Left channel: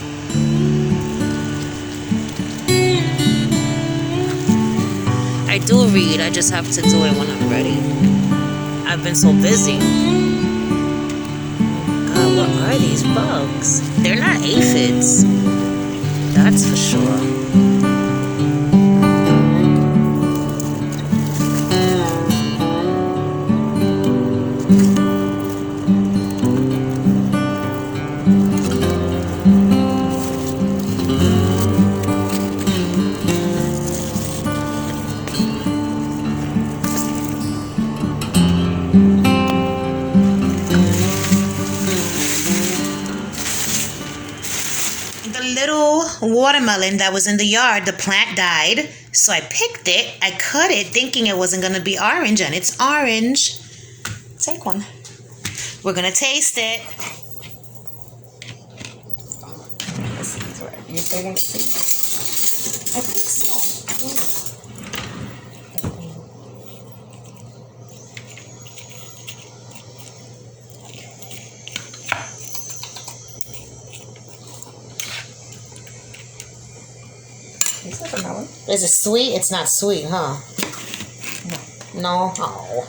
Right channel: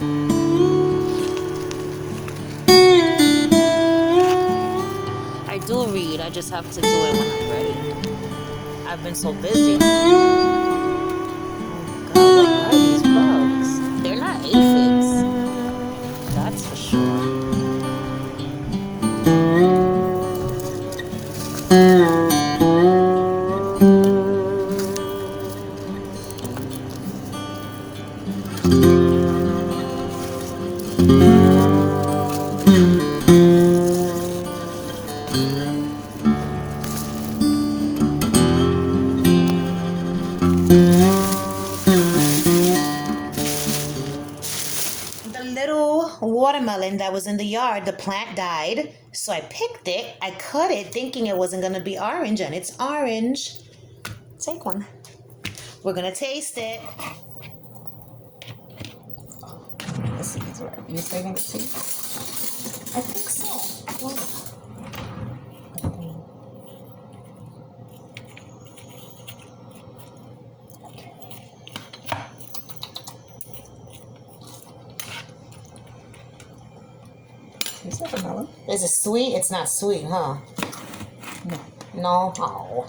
I do read, I just have to do it when I'm ready. I've been so busy. What are these bugs? They're not aphids, that's for sure. The little watermelon that was in the yard, the plant died. So I picked it, I cut it thinking it wasn't gonna be orange, and it's orange. Take one. We're gonna taste it. The seeds, right? You say that's seeds? I think so. Tastes like a melon. Is it sweet? It's not sweet, huh? No. No? Oh.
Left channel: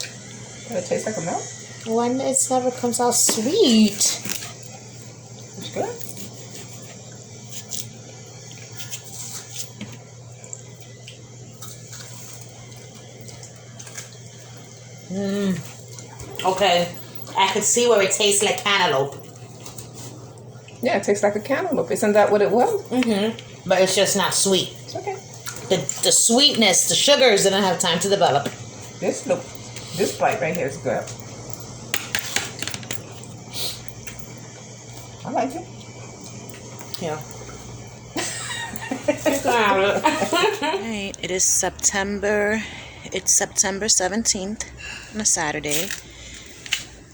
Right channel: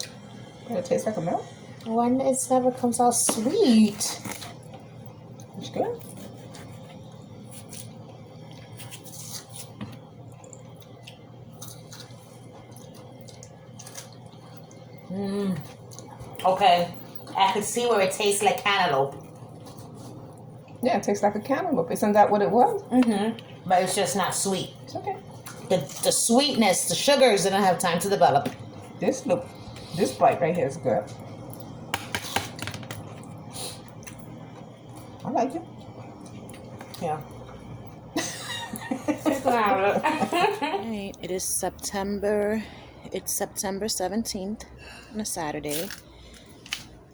Does it taste like a melon? When it never comes out sweet. It's good. Okay. I could see where it tastes like cantaloupe. Yeah, it tastes like a cantaloupe. Isn't that what it was? But it's just not sweet. It's okay. The sweetness, the sugars didn't have time to develop. This bite right here is good. I like it. Yeah. You can have it. Alright, it's September 17th on a Saturday.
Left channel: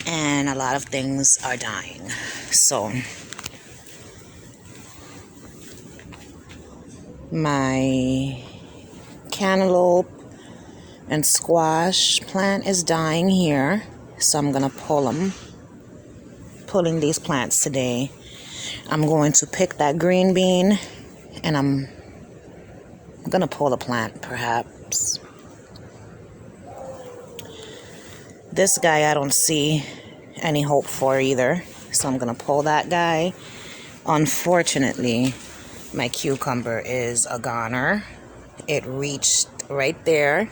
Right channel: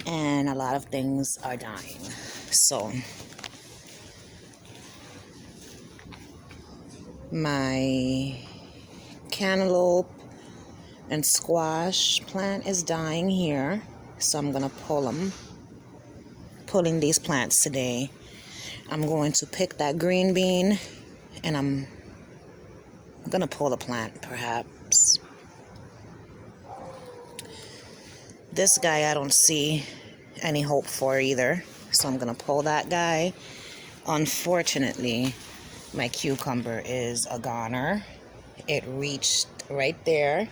And a lot of things are dying. So my cantaloupe and squash plant is dying here. So I'm gonna pulling these plants today. I'm going to pick that green bean and I'm gonna pull a plant perhaps. This guy I don't see any hope for either, so I'm gonna pull that guy. Unfortunately, my cucumber is a goner. It reached right there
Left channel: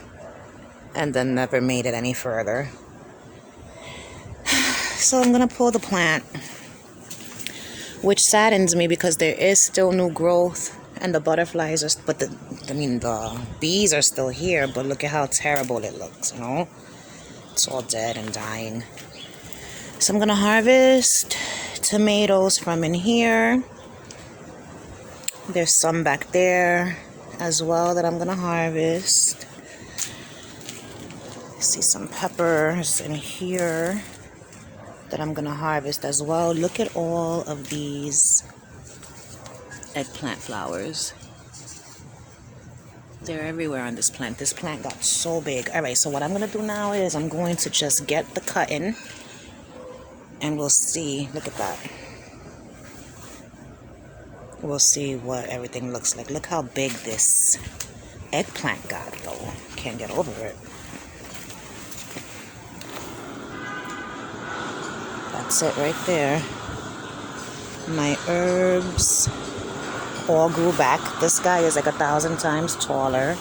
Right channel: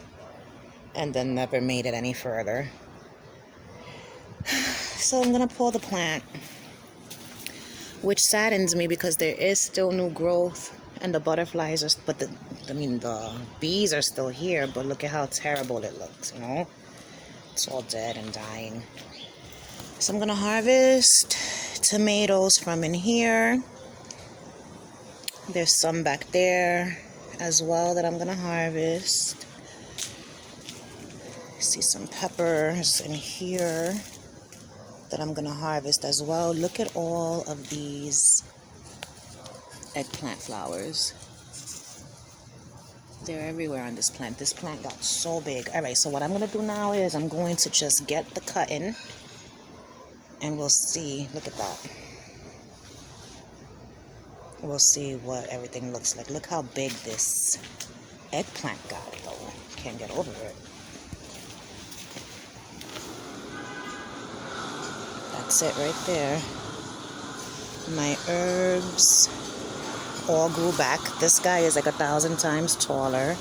and then never made it any further. So I'm gonna pull the plant, which saddens me because there is still new growth and the butterflies are, but the bees are still here, but look at how terrible it looks, you know? It's all dead and dying. So I'm gonna harvest tomatoes from in here. There's some back there as well that I'm gonna harvest. I see some peppers in here that I'm gonna harvest as well. Look at all of these eggplant flowers. They're everywhere on this plant. This plant got so big. Alright, so what I'm gonna do now is I'm going to just get the cutting and we'll see. Look at that. We'll see what everything looks like. Look how big this eggplant got though. Can't get over it. That's it right there. My herbs all grew back. This guy is like 1,000 times taller.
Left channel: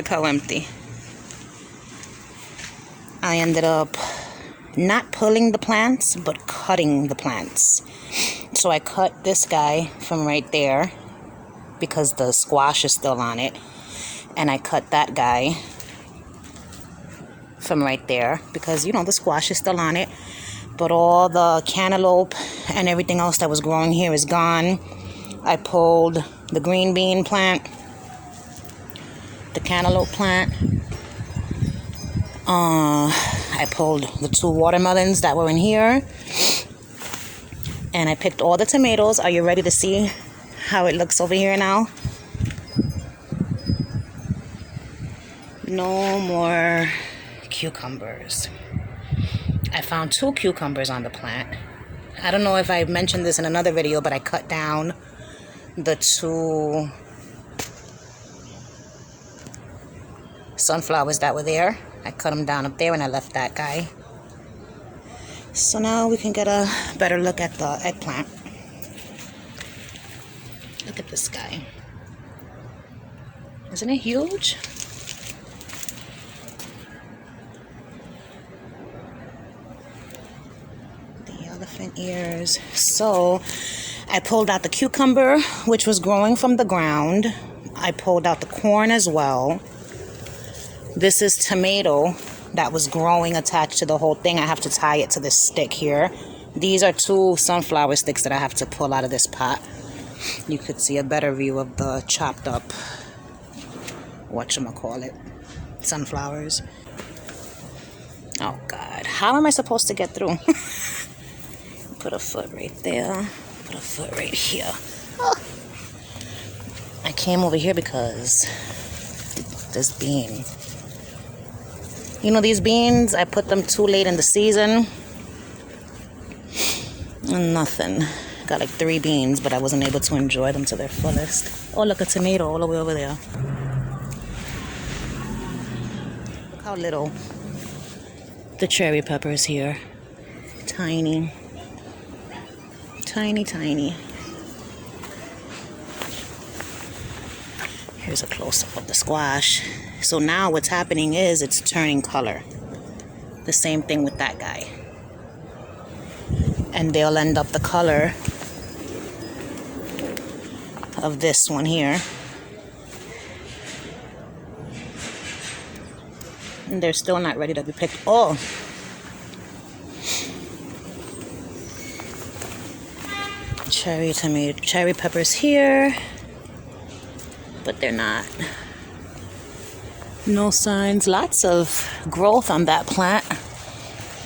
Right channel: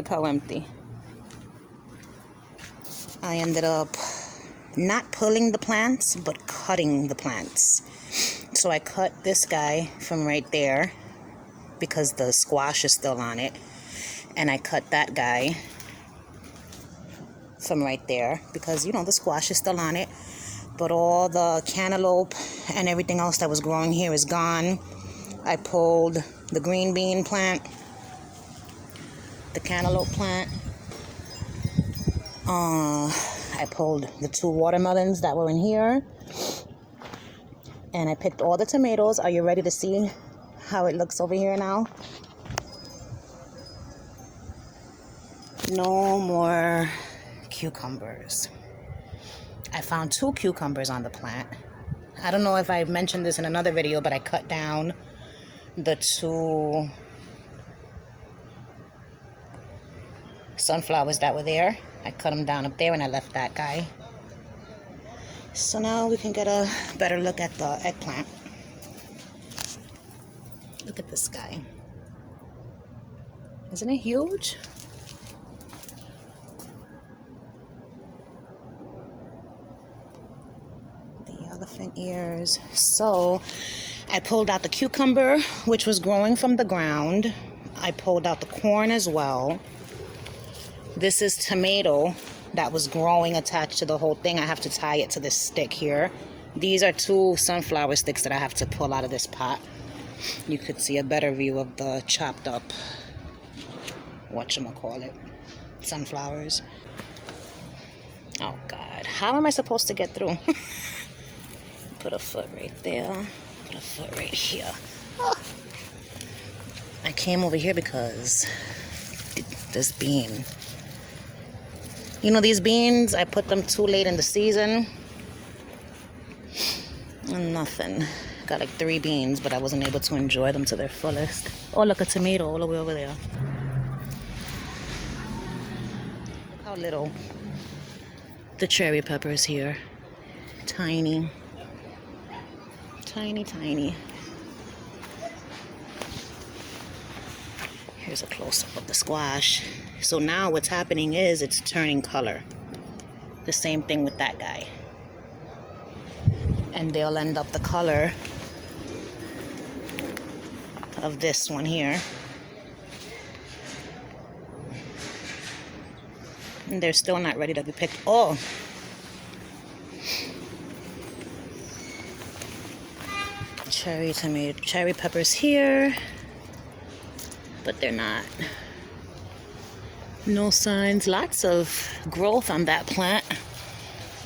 Look how empty. I ended up not pulling the plants, but cutting the plants. So I cut this guy from right there because the squash is still on it. And I cut that guy from right there because, you know, the squash is still on it. But all the cantaloupe and everything else that was growing here is gone. I pulled the green bean plant, the cantaloupe plant. I pulled the 2 watermelons that were in here. And I picked all the tomatoes. Are you ready to see how it looks over here now? No more cucumbers. I found 2 cucumbers on the plant. I don't know if I mentioned this in another video, but I cut down the 2 sunflowers that were there. I cut them down up there and I left that guy. So now we can get a better look at the eggplant. Look at this guy. Isn't it huge? The elephant ears. So I pulled out the cucumber, which was growing from the ground. I pulled out the corn as well. This is tomato that was growing attached to the whole thing. I have to tie it to this stick here. These are 2 sunflower sticks that I have to pull out of this pot. You could see a better view of the chopped up, whatchamacallit, sunflowers. Oh God, how am I supposed to get through? Put a foot right there, put a foot right here. Oh. I came over here because this bean. You know these beans, I put them too late in the season. And nothing. Got like 3 beans, but I wasn't able to enjoy them to their fullest. Oh, look, a tomato all the way over there. Look how little the cherry peppers here. Tiny. Tiny, tiny. Here's a close-up of the squash. So now what's happening is it's turning color. The same thing with that guy. And they'll end up the color of this one here. And they're still not ready to be picked. Oh! Cherry tomato, cherry peppers here. But they're not. No signs. Lots of growth on that plant.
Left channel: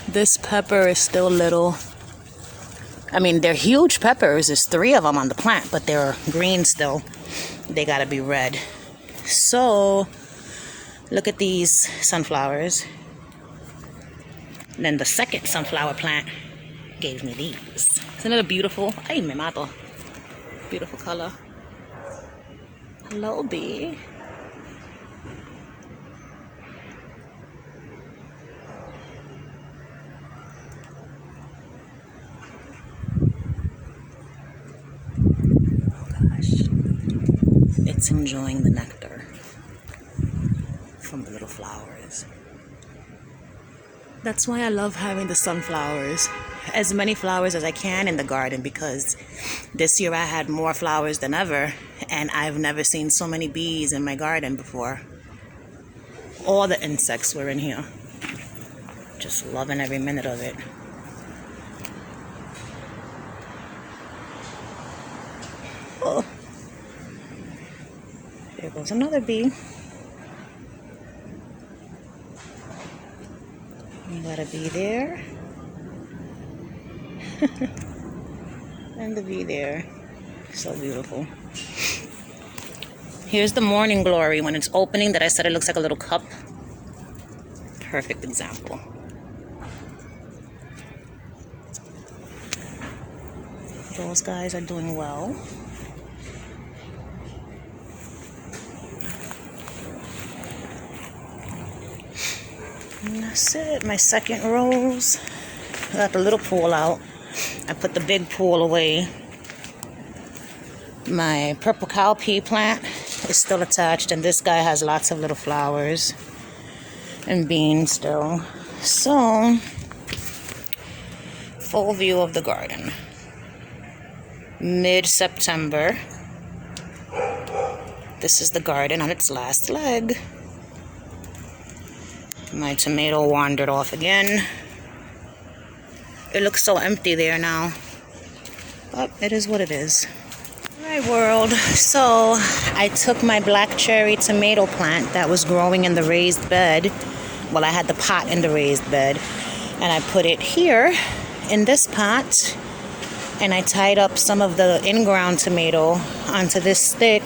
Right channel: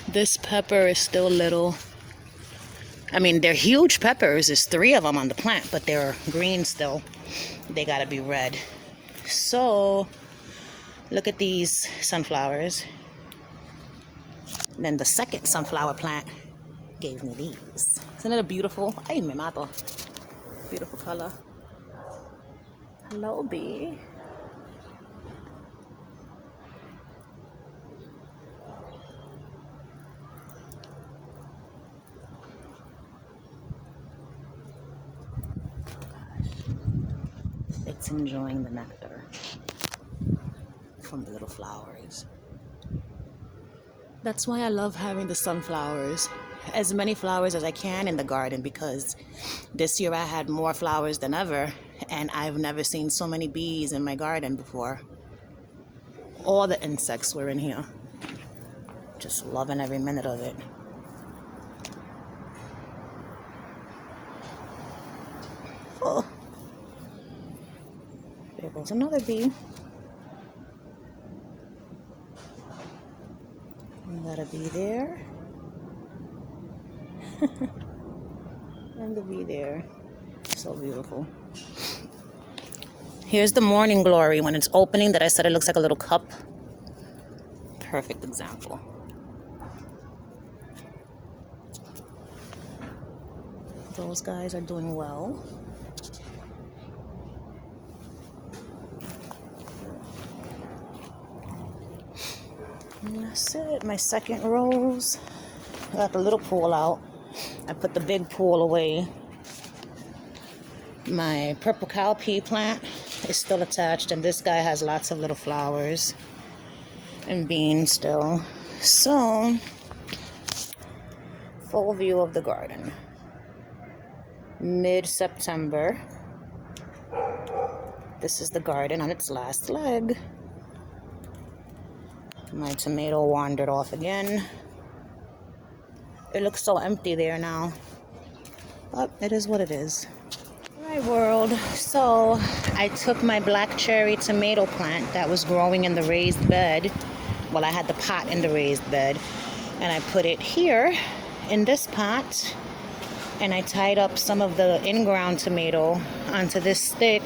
This pepper is still little. I mean, they're huge peppers. There's 3 of them on the plant, but they're green still. They gotta be red. So, look at these sunflowers. And then the second sunflower plant gave me these. Isn't it a beautiful? Ay, me mato. Beautiful color. Hello, bee. It's enjoying the nectar from the little flowers. That's why I love having the sunflowers. As many flowers as I can in the garden, because this year I had more flowers than ever, and I've never seen so many bees in my garden before. All the insects were in here. Just loving every minute of it. Oh. There goes another bee. We got a bee there. And the bee there. So beautiful. Here's the morning glory when it's opening that I said it looks like a little cup. Perfect example. Those guys are doing well. And that's it. My second rose. I got the little pool out. I put the big pool away. My purple cowpea plant is still attached, and this guy has lots of little flowers and beans still. So, full view of the garden. Mid-September. This is the garden on its last leg. My tomato wandered off again. It looks so empty there now. But it is what it is. Alright, world. So, I took my black cherry tomato plant that was growing in the raised bed. Well, I had the pot in the raised bed. And I put it here in this pot. And I tied up some of the in-ground tomato onto this stick.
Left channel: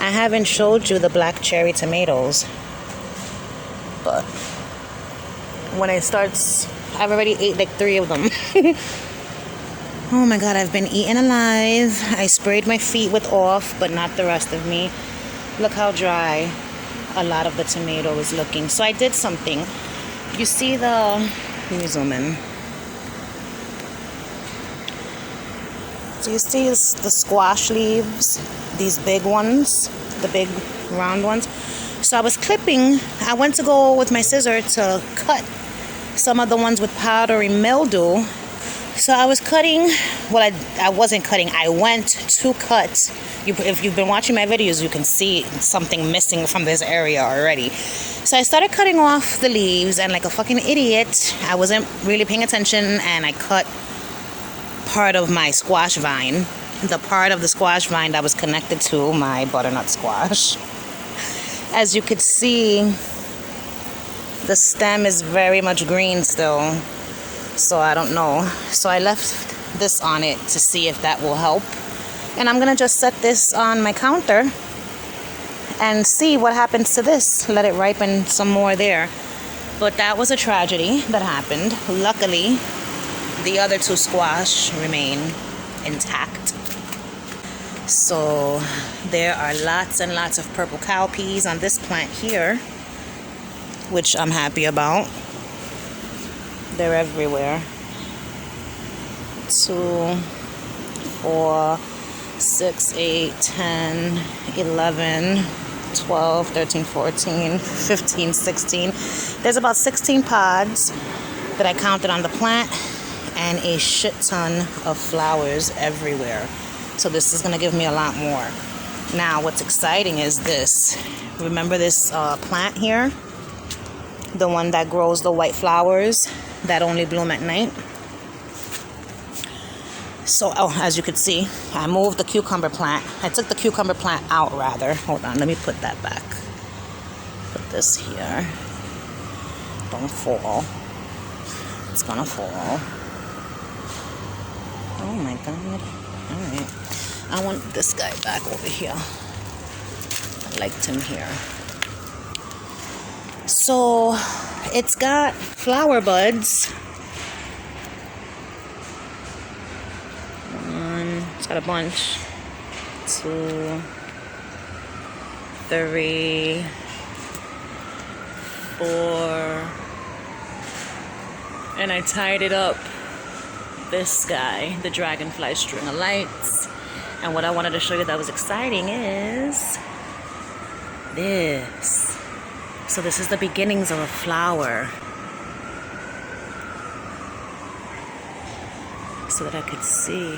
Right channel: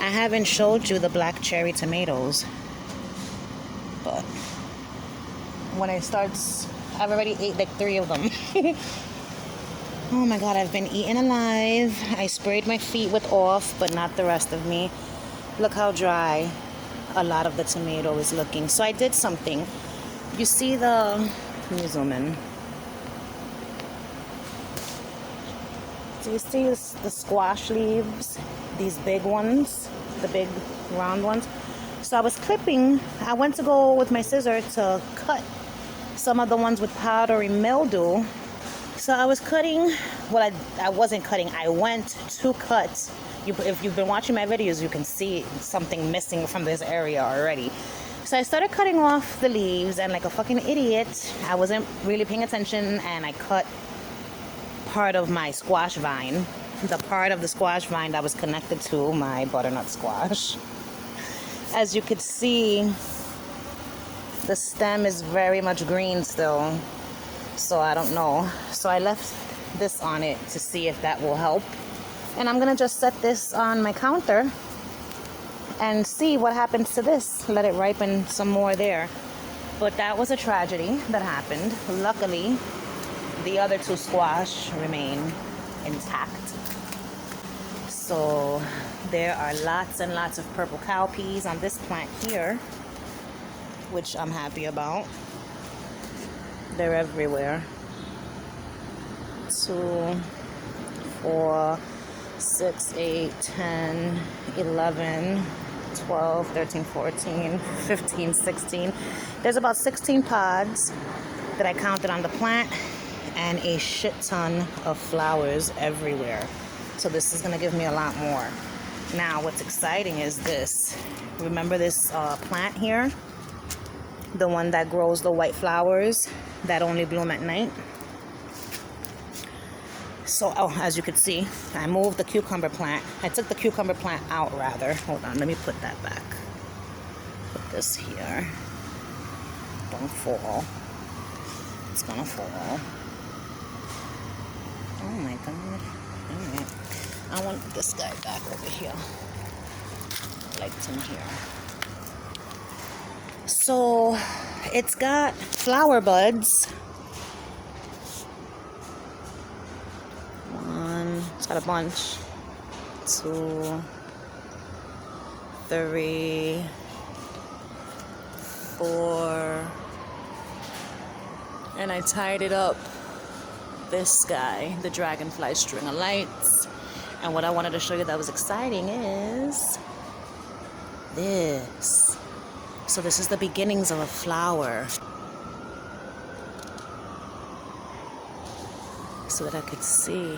I haven't showed you the black cherry tomatoes. But when it starts, I've already ate like 3 of them. Oh my god, I've been eaten alive. I sprayed my feet with off, but not the rest of me. Look how dry a lot of the tomato is looking. So I did something. You see the... Let me zoom in. So you see the squash leaves? These big ones? The big round ones? So I was clipping. I went to go with my scissor to cut some of the ones with powdery mildew. So I was cutting. Well, I wasn't cutting. I went to cut. If you've been watching my videos, you can see something missing from this area already. So I started cutting off the leaves, and like a fucking idiot, I wasn't really paying attention, and I cut part of my squash vine. The part of the squash vine that was connected to my butternut squash. As you could see, the stem is very much green still. So I don't know. So I left this on it to see if that will help. And I'm gonna just set this on my counter and see what happens to this. Let it ripen some more there. But that was a tragedy that happened. Luckily, the other 2 squash remain intact. So there are lots and lots of purple cowpeas on this plant here, which I'm happy about. They're everywhere. 2, 4, 6, 8, 10, 11, 12, 13, 14, 15, 16. There's about 16 pods that I counted on the plant, and a shit ton of flowers everywhere. So this is gonna give me a lot more. Now what's exciting is this. Remember this plant here? The one that grows the white flowers that only bloom at night. So, as you could see, I moved the cucumber plant. I took the cucumber plant out, rather. Hold on, let me put that back. Put this here. Don't fall. It's gonna fall. Oh my god. Alright. I want this guy back over here. I liked him here. So, it's got flower buds. 1, it's got a bunch. 2, 3, 4. And I tied it up. This guy, the dragonfly string of lights. And what I wanted to show you that was exciting is this. So this is the beginnings of a flower. So that I could see.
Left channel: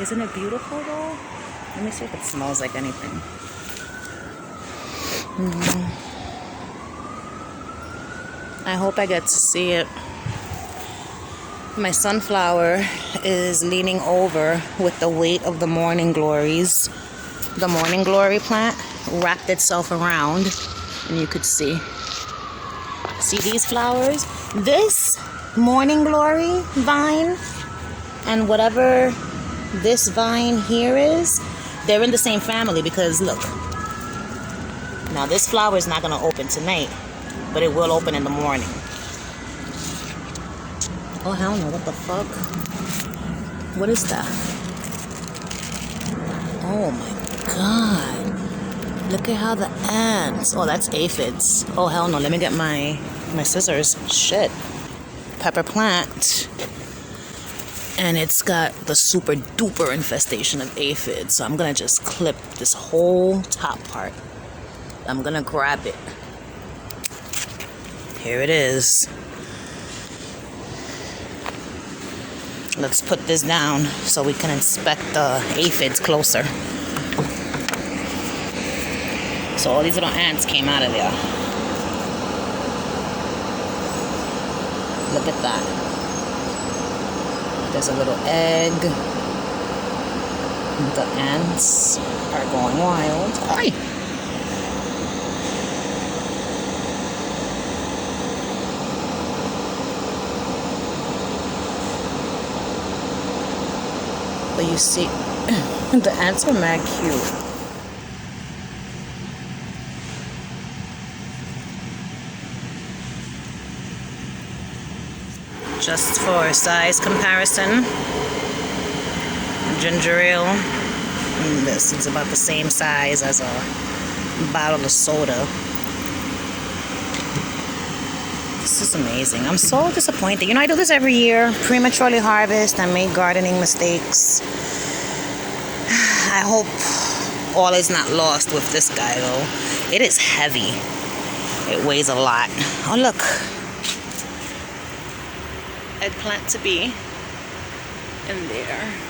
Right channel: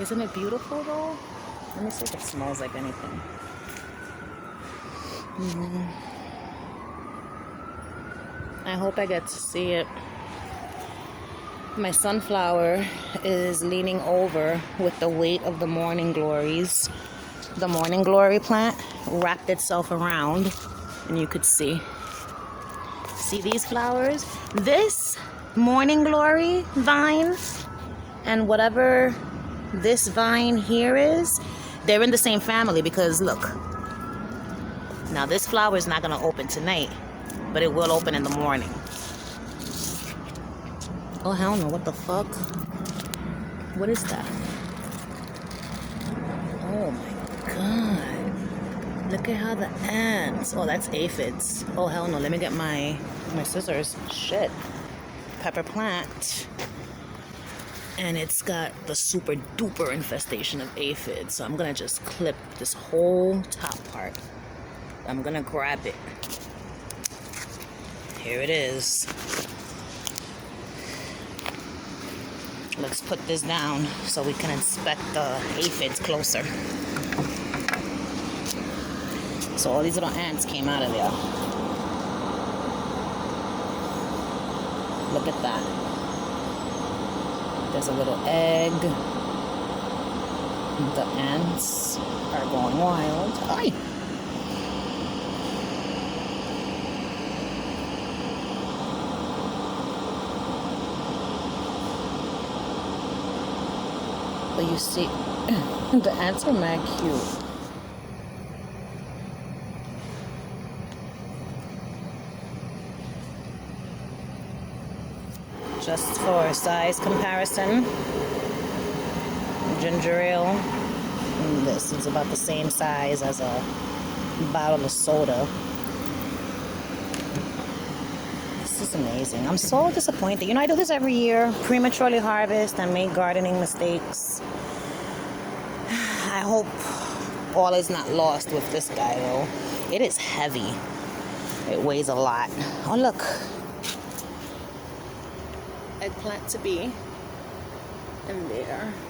Isn't it beautiful though? Let me see if it smells like anything. I hope I get to see it. My sunflower is leaning over with the weight of the morning glories. The morning glory plant wrapped itself around, and you could see. See these flowers? This morning glory vine and whatever this vine here is, they're in the same family because look. Now this flower is not gonna open tonight, but it will open in the morning. Oh hell no, what the fuck? What is that? Oh my god. Look at how the ants. Oh, that's aphids. Oh hell no, let me get my scissors. Shit. Pepper plant And it's got the super duper infestation of aphids. So I'm gonna just clip this whole top part. I'm gonna grab it. Here it is. Let's put this down so we can inspect the aphids closer. So all these little ants came out of there. Look at that. There's a little egg. The ants are going wild. Hi. But you see, the ants are mad cute. Just for size comparison, ginger ale, this is about the same size as a bottle of soda. This is amazing. I'm so disappointed. You know, I do this every year. Prematurely harvest. I make gardening mistakes. I hope all is not lost with this guy, though. It is heavy. It weighs a lot. Oh, look. Eggplant to be in there.